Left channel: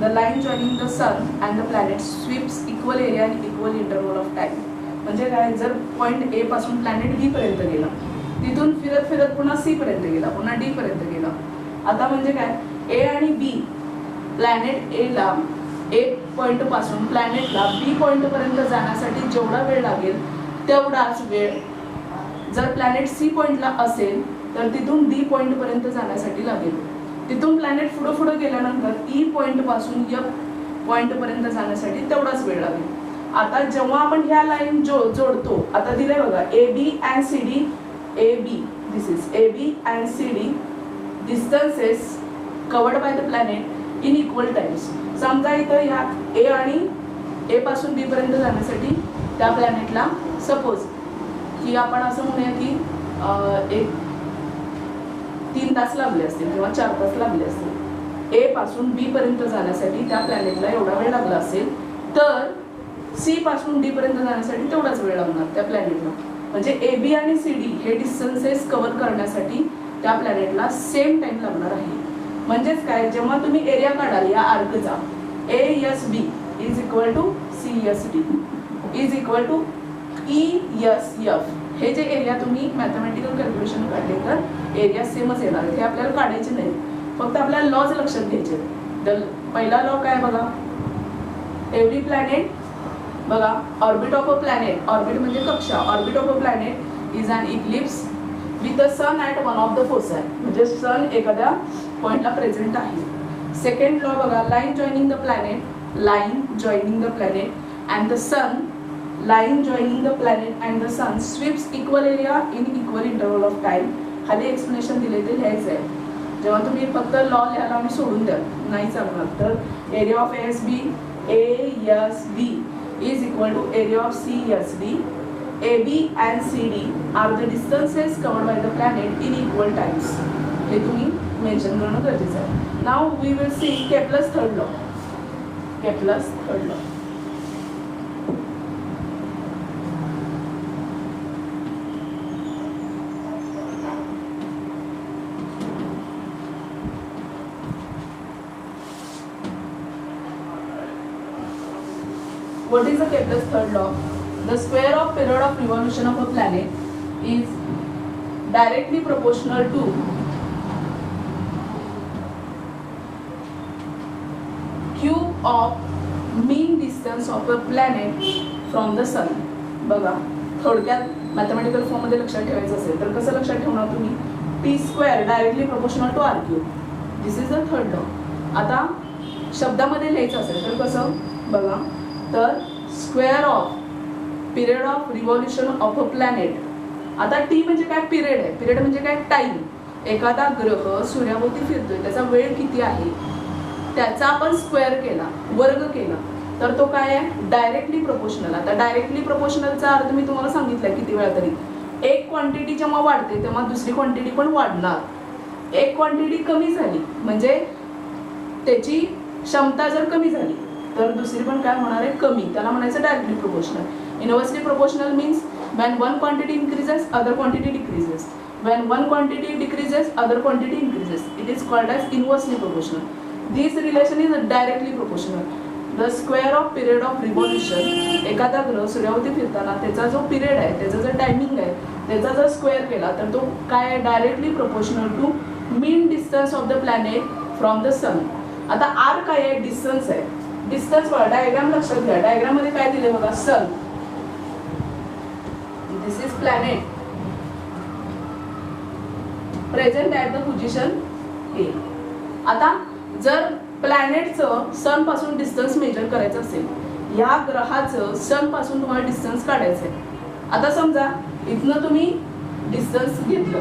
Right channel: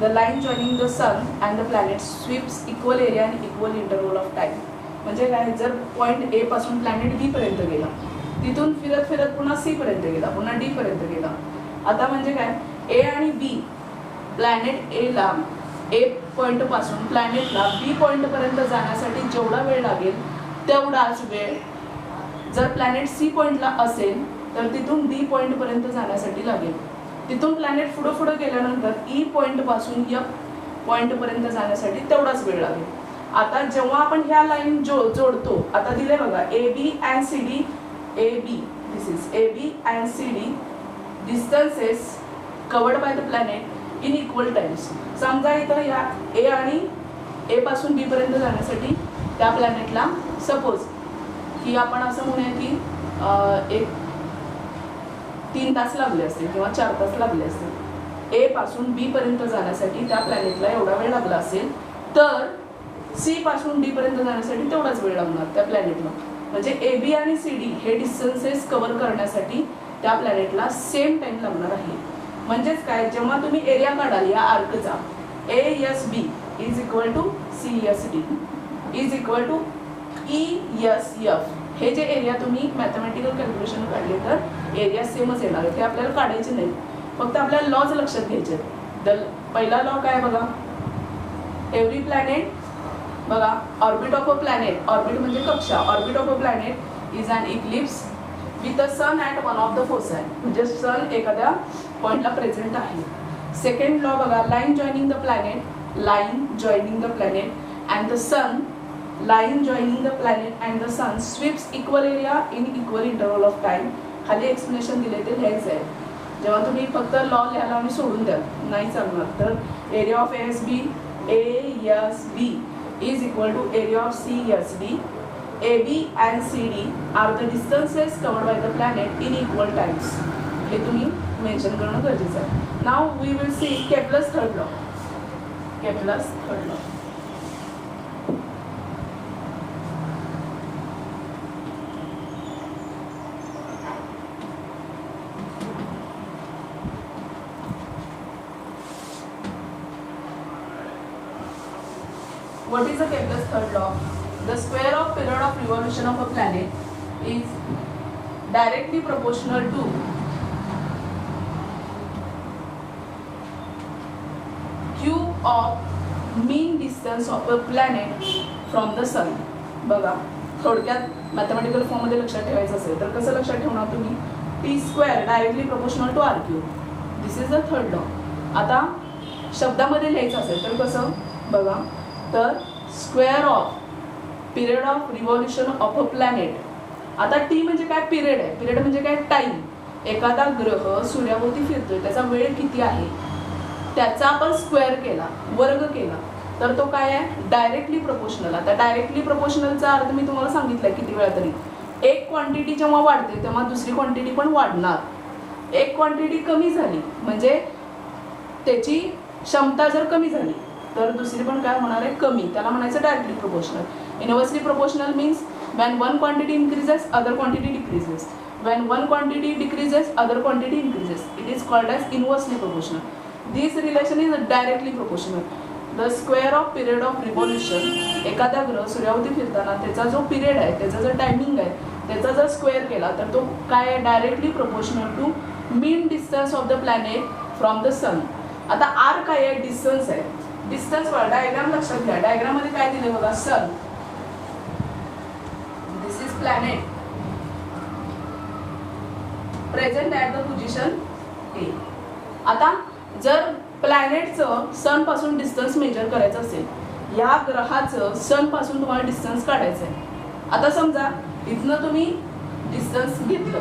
The line joining the sun and the planet sweeps equal area and equal interval of time. म्हणजे काय, जर point A पासून planet बी पर्यंत गेला, तिथून फिरत फिरत पुन्हा सी पर्यंत गेला, पुन्हा डी पर्यंत गेला. आता म्हणजे काय, ए आणि बी, प्लॅनेट ए ला ए पॉइंट पासून प्लॅनेटला बी पॉइंट पर्यंत जाण्यासाठी जेवढा वेळ लागेल तेवढाच वेळ जर प्लॅनेट सी पॉइंटला असेल तर तिथून डी पॉइंट पर्यंत जाण्यासाठी लागेल. तिथून प्लॅनेट पुढे पुढे गेल्यानंतर ई पॉइंट पासून एफ पॉइंट पर्यंत जाण्यासाठी तेवढाच वेळ लागेल. आता जेव्हा आपण ह्या लाईन जोडतो, आता दिले बघा A B and C D, A B, this is A B and C D distances covered by the planet in equal times. समजा इथं या ए आणि ए पासून बी पर्यंत जाण्यासाठी त्या प्लॅनेटला सपोज की आपण असं म्हणूया की एक 3 तास लागले असतील किंवा 4 तास लागले असतील. ए पासून बी पर्यंत जाण्यासाठी त्या प्लॅनेटला एवढा वेळ लागला असेल तर सी पासून डी पर्यंत जाण्यासाठी तेवढाच वेळ लागणार त्या प्लॅनेटला. म्हणजे ए बी आणि सी डी हे डिस्टन्सेस कव्हर करण्यासाठी त्या प्लॅनेटला सेम टाइम लागणार आहे. म्हणजेच काय, जेव्हा तुम्ही एरिया काढाल या आर्कचा, A S B is equal to C S D is equal to E S F. हे जे एरिया तुम्ही मॅथमॅटिकल कॅल्क्युलेशन काढले तर एरिया सेमच येणार आहे. हे आपल्याला काढायचे नाही, फक्त आपल्याला लॉज लक्षात घ्यायचे. पहिला लॉ काय बघा, एव्हरी प्लॅनेट बघा, orbit of a planet, orbit म्हणजे कक्षा, orbit of a planet is an eclipse with the sun at one of the foci. म्हणजे सन एखाद्या पॉइंटला प्रेझेंट आहे. सेकंड लॉ बघा, line joining the planet, line joining the planet and the sun, line joining the planet and the sun sweeps equal area in equal interval of time. खाली explanation दिले ते लिहायचं आहे. जेव्हा तुम्ही फक्त लॉ लिहायला आणि सोडून द्याल नाही चालणार. तर area of S B, A S B is equal to area of CSD. AB and CD are the distances covered by the planet in equal times. हे तुम्ही मेन्शन करणं गरजेचं आहे. Now we will see Kepler's third law. Kepler's third law. What is the Kepler's third law? The square of period of revolution of a planet is directly proportional to cube of mean distance of a planet from the sun. बघा, थोडक्यात mathematical form मध्ये लक्षात ठेवायचं असेल तर कसं लक्षात ठेवणार तुम्ही, T square directly proportional to R cube. This is the third law. आता शब्दामध्ये लिहायचं असेल तर कसं बघा, तर square of period of revolution of a planet. आता टी म्हणजे काय, पिरियड आहे. पिरियड म्हणजे काय, टाइम. एखादा ग्रह सूर्याभोवती फिरतोय, त्याचा वेळ किती आहे त्याचा आपण स्क्वेअर केला, वर्ग केला, तर तो काय आहे, डायरेक्टली प्रोपोर्शनल. आता डायरेक्टली प्रोपोर्शनलचा अर्थ मी तुम्हाला सांगितलं किती वेळा तरी. एक क्वांटिटी जेव्हा वाढते तेव्हा दुसरी क्वांटिटी पण वाढणार. एक क्वांटिटी कमी झाली म्हणजे त्याची क्षमता जर कमी झाली तर दुसरी पण काय होणार आहे, कमी. त्याला म्हणायचं directly proportional. Inversely proportional means when one quantity increases other quantity decreases, when one quantity decreases other quantity increases. It is called as inversely proportional. This relation is directly proportional. The square of period of revolution, एखादा ग्रह सूर्याभोवती फिरताना त्याचा जो period आहे, त्याचा जो timing आहे, त्याचा जर स्क्वेअर केला तर तो काय आहे, directly proportional to mean distance of the planet from the sun. आता आर काय आहे, डिस्टन्स आहे. डिस्टन्स डायग्राम लक्षात घ्या. डायग्राम मध्ये काय दिले बघा, sun, this is planet present at the position A. आता जर प्लॅनेटचं सन पासून डिस्टन्स मेजर करायचं असेल, या ग्रहाचं सन पासून तुम्हाला डिस्टन्स काढायचं आहे. आता समजा इथनं तुम्ही डिस्टन्स घेतलं.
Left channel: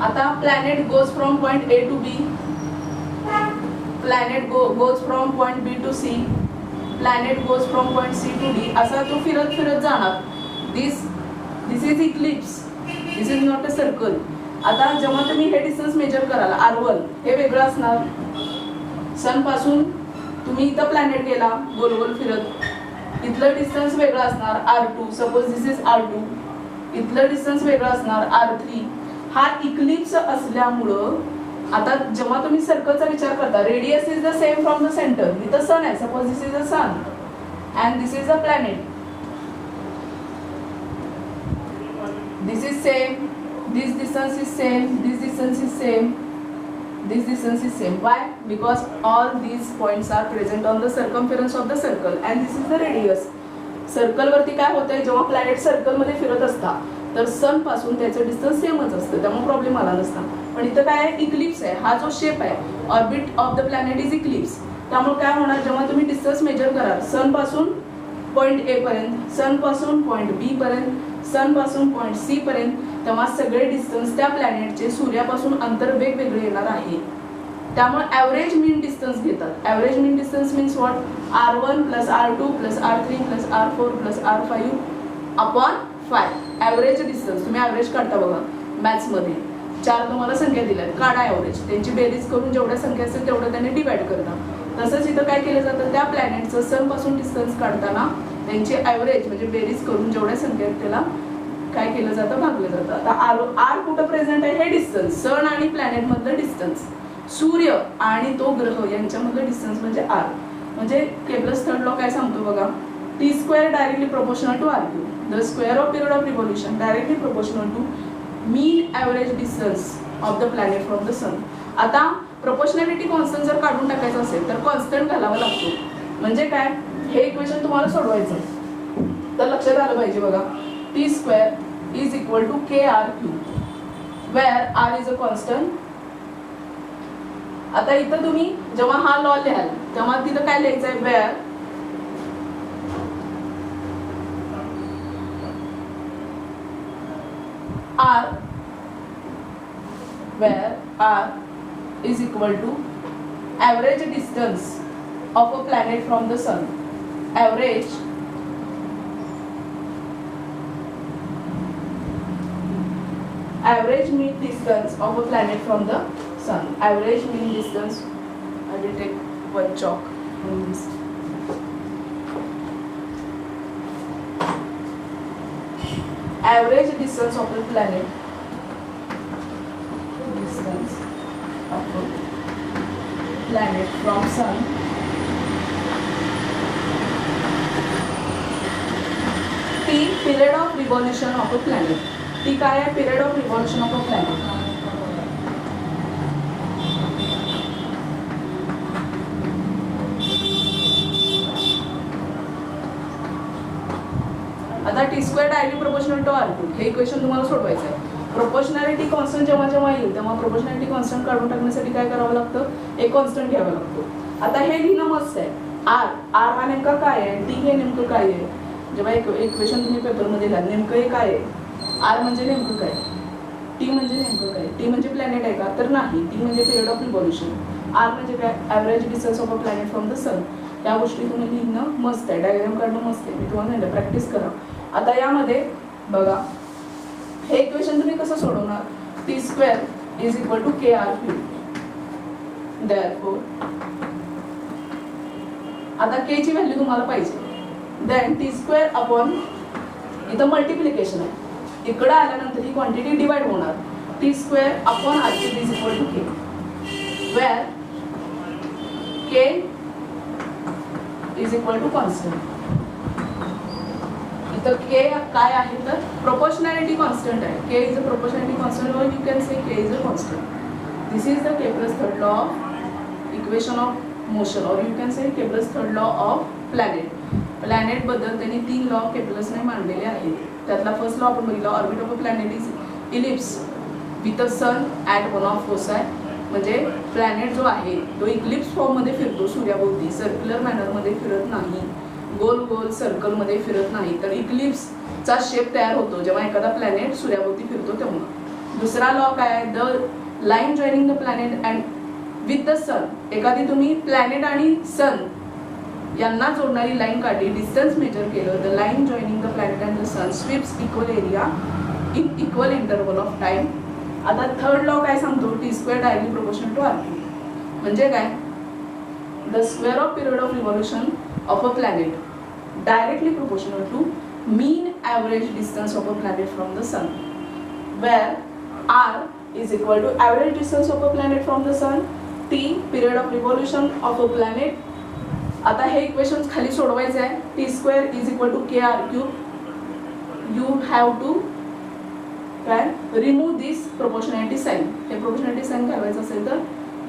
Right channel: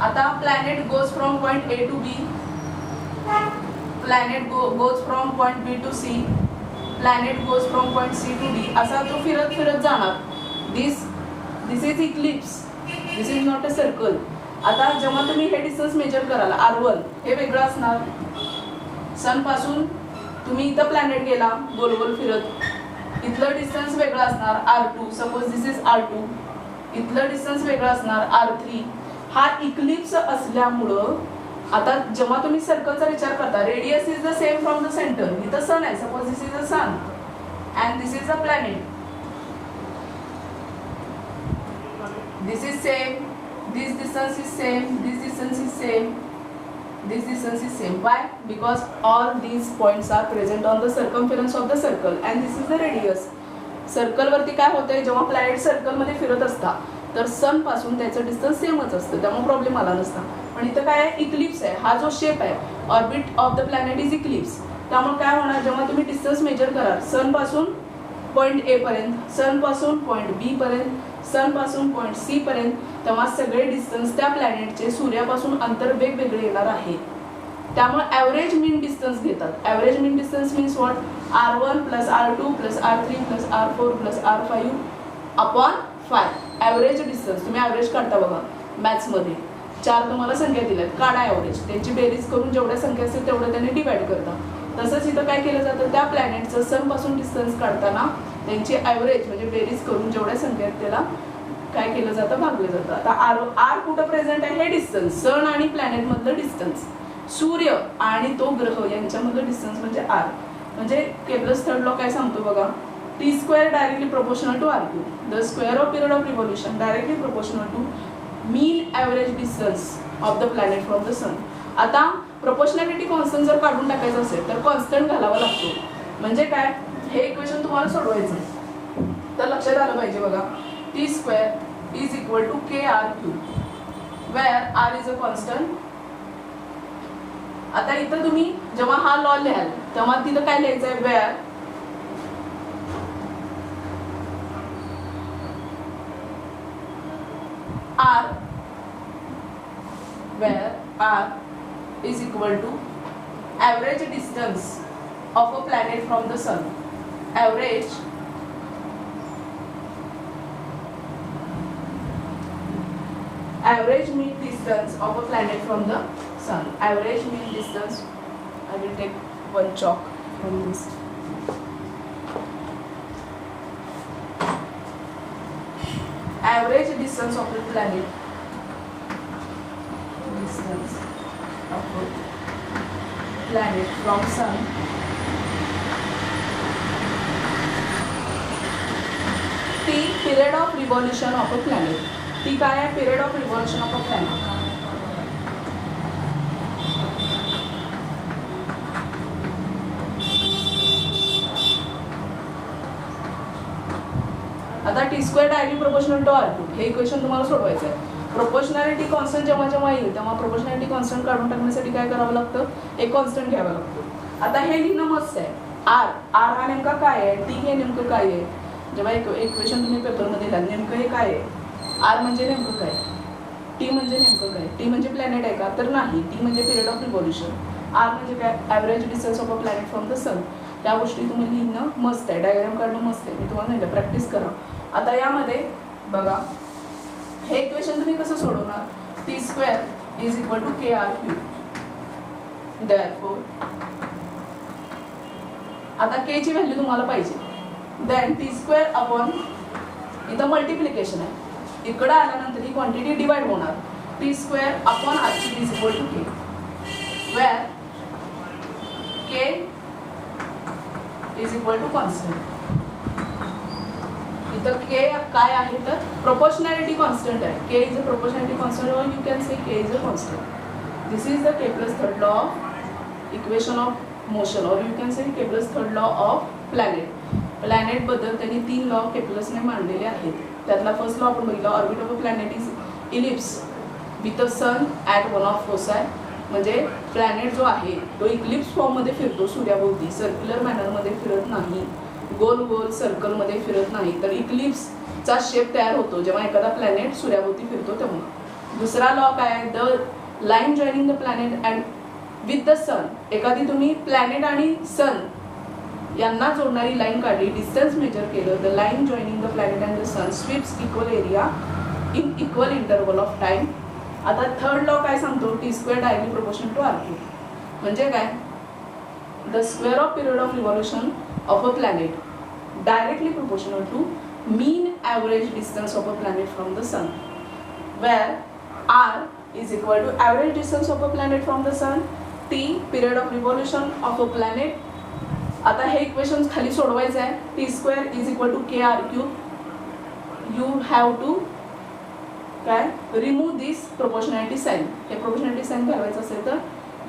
आता planet goes from point A to B, planet goes from point B to C, planet goes from point C to D. असा तो फिरत फिरत जाणार. this is eclipse, this is not a circle. आता जेव्हा तुम्ही हे डिस्टन्स मेजर कराल, R1 हे वेगळं असणार. सन पासून तुम्ही इथं प्लॅनेट गेला गोल गोल फिरत, इथलं डिस्टन्स वेगळं असणार R2. Suppose this is R2. इथलं डिस्टन्स वेगळं असणार R3. हा इक्लिप्स असल्यामुळं आता जेव्हा तुम्ही सर्कलचा विचार करता, radius is the same from the center. इथं सन आहे, suppose this is a sun and this is a planet. This is same, this distance is same, this distance is same, this distance is same. Why? Because all these points are present on the circumference of the circle and this is the radius. Circle वरती काय होतंय, जेव्हा planet circle मध्ये फिरत असता तर सन पासून त्याचं डिस्टन्स सेमच असतं, त्यामुळे प्रॉब्लेम आला नसता. पण इथं काय आहे, इक्लिप्स आहे. हा जो शेप आहे, orbit of the planet is Eclipse. त्यामुळे काय होणार, जेव्हा तुम्ही डिस्टन्स मेजर कराल सन पासून पॉइंट ए पर्यंत, सन पासून पॉइंट बी पर्यंत, सन पासून पॉइंट सी पर्यंत, तेव्हा सगळे डिस्टन्स त्या प्लॅनेटचे सूर्यापासून अंतर वेगवेगळे येणार आहे. त्यामुळे ॲव्हरेज मीन डिस्टन्स घेतात. Average mean distance means what, R1 plus R2 plus R3 plus R4 plus R5 upon 5. Average distance तुम्ही ॲव्हरेज काढता बघा मॅथ्समध्ये. 4 तुम्हाला संख्या दिल्यात, काढा ॲव्हरेज. त्यांची बेरीज करून जेवढ्या संख्या असतील तेवढं त्यांनी डिवाइड करता. तसंच इथं काय केलं जातं, त्या प्लॅनेटचं सन पासून डिस्टन्स काढताना त्यांची ॲव्हरेज म्हणजे बेरीज करून जेवढ्या संख्या आहेत त्याला काय केलं जातं, भागलं जातं. आता आर कुठं प्रेझेंट आहे, हे डिस्टन्स सन आणि प्लॅनेट मधलं डिस्टन्स, सूर्य आणि तो ग्रह यांच्यामधलं डिस्टन्स म्हणजे आर. म्हणजे केपलर्स थर्ड लॉ काय सांगतो बघा, T square directly proportional to R cube. The square of period of revolution directly proportional to mean average distance of the planet from the sun. आता प्रोपोर्शनॅलिटी कॉन्स्टंट जर काढून टाकायचं असेल तर कॉन्स्टंट घालावा लागतो. म्हणजे काय, हे इक्वेशन तुम्हाला सोडवायचं तर लक्षात आलं पाहिजे बघा, T square is equal to K R cube where R is a constant. आता इथं तुम्ही जेव्हा हा लॉ लिहाल तेव्हा तिथं काय लिहायचं आहे, where are is equal to average distance of a planet from the sun. Average mean distance of a planet from the sun. Average mean distance. I will take one chalk on this. Average distance of a planet. Distance of a planet from sun T period of revolution of a planet. T काय आहे, period of revolution of a planet. आता T square directly proportional to R cube हे equation तुम्हाला सोडवायचं आहे. Proportionality constant जेव्हा जेव्हा येईल तेव्हा प्रोपोर्शनॅलिटी कॉन्स्टंट काढून टाकण्यासाठी काय करावं लागतं, एक कॉन्स्टंट घ्यावं लागतं. आता हे लिहिणं मस्त आहे. आर हा नेमका काय आहे, टी हे नेमकं काय आहे. जेव्हा एक इक्वेशन तुम्ही पेपरमध्ये लिहाल नेमकं हे काय आहे, आर म्हणजे नेमकं काय, टी म्हणजे नेमकं काय. टी म्हणजे प्लॅनेट आहे का, तर नाही. टी म्हणजे पिरियड ऑफ रिव्हॉल्युशन. आर म्हणजे काय, average distance of a planet from the sun. या गोष्टी तुम्ही लिहिणं मस्त आहे, डायग्राम काढणं मस्त आहे. मी तुम्हाला सांगितलं प्रॅक्टिस करा. आता यामध्ये बघा हे इक्वेशन तुम्ही कसं सोडवणार, T square is equal to K R cube. Therefore आता के ची व्हॅल्यू तुम्हाला पाहिजे. देन टी स्क्वेअर अपॉन इथं मल्टिप्लिकेशन आहे, इकडं आल्यानंतर ही क्वांटिटी डिवाइड होणार. T square upon R cube is equal to K, where K is equal to constant. इथं के काय आहे तर प्रोपोर्शनॅलिटी कॉन्स्टंट आहे. K is a proportionality constant और you can say K is a constant. This is the Kepler's third law of equation of motion or you can say Kepler's third law of planet. Planet बद्दल त्यांनी 3 law केपलर्सने मांडलेले आहेत. त्यातला first law आपण बघितला, orbit of a planet is ellipse with a sun at one of foci. म्हणजे planet जो आहे तो इक्लिप्स फॉर्ममध्ये फिरतो सूर्याभोवती, सर्क्युलर मॅनरमध्ये फिरत नाही, गोल गोल सर्कलमध्ये फिरत नाही, तर इक्लिप्सचा शेप तयार होतो जेव्हा एखादा प्लॅनेट सूर्याभोवती फिरतो तेव्हा. दुसरा लॉ काय आहे, the line joining the planet and with the sun. एखादी तुम्ही प्लॅनेट आणि सन यांना जोडणारी लाईन काढली, डिस्टन्स मेजर केलं, the line joining the planet and the sun sweeps equal area in equal interval of time. आता थर्ड लॉ काय सांगतो, T square directly proportional to R cube. म्हणजे काय, the square of period of revolution of a planet directly proportional to mean average distance of a planet from the sun, where r is equal to average distance of a planet from the sun, t period of revolution of a planet. आता हे equation खाली सोडवायचं आहे. T square is equal to K R cube. You have to काय remove this proportionality sign. हे proportionality sign घालवायचं असेल तर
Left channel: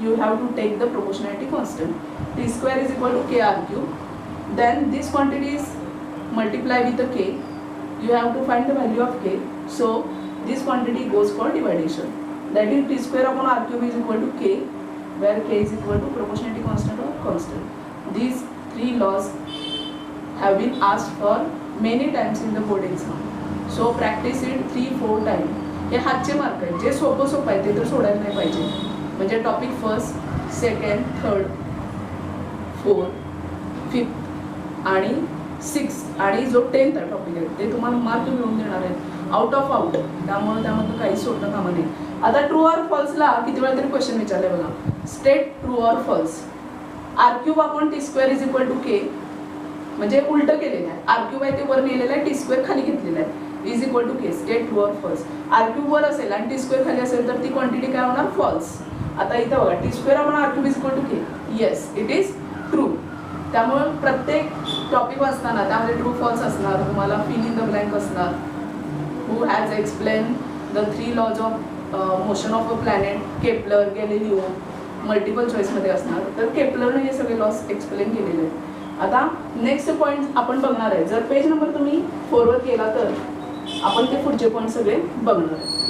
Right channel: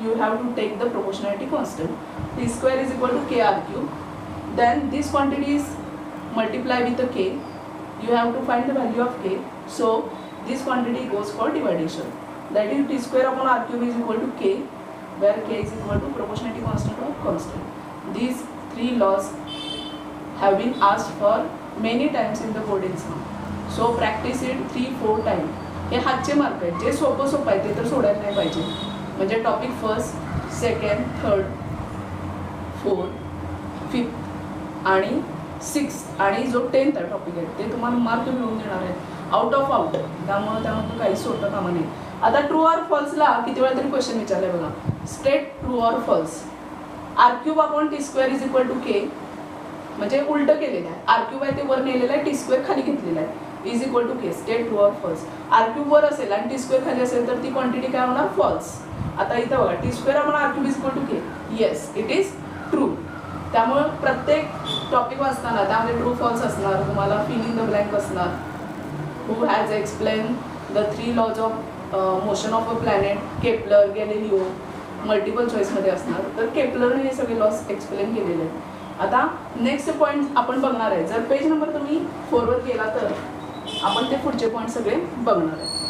you have to take the proportionality constant. T square is equal to K R cube. Then this quantity is multiply with the k. You have to find the value of k. So this quantity goes for dividation. That is t square upon r cube is equal to k, where k is equal to proportionality constant or constant. These three laws have been asked for many times in the board exam. So practice it 3-4 times. हे हातचे mark आहेत. जे सोपं आहे ते तर सोडायला नाही पाहिजे. म्हणजे topic first, second, third, fourth, fifth आणि 6 आणि जो 10th टॉपिक आहे ते तुम्हाला मार्क मिळवून देणार आहेत आउट ऑफ आउट. त्यामुळे त्यामध्ये काही सोडता कामा नाही. आता ट्रू ऑर फॉल्सला किती वेळा तरी क्वेश्चन विचारले बघा. State true or false. R cube upon T square is equal to K, म्हणजे उलट केलेलं आहे. आर क्यूब आहे ते वर नेलेलं आहे, टी स्क्वेअर खाली घेतलेलं आहे. Is equal to K. State true or false. R cube वर असेल आणि टी स्क्वेअर खाली असेल तर ती क्वांटिटी काय होणार? फॉल्स. आता इथं बघा T square upon R cube is equal to K. Yes it is true. त्यामुळे प्रत्येक टॉपिक वाचताना त्यामध्ये ट्रू फॉल्स असणार. तुम्हाला फिल इन द ब्लँक असणार. Who has explain the 3 laws of motion of a planet, Kepler, Galileo, multiple चॉईसमध्ये असणार. तर केपलरने हे सगळे लॉस एक्सप्लेन केलेले आहेत. आता नेक्स्ट पॉईंट आपण बघणार आहे. जर पेज नंबर तुम्ही 4 वर केला तर आपण ते पुढचे पॉईंट सगळे बघणार आहे.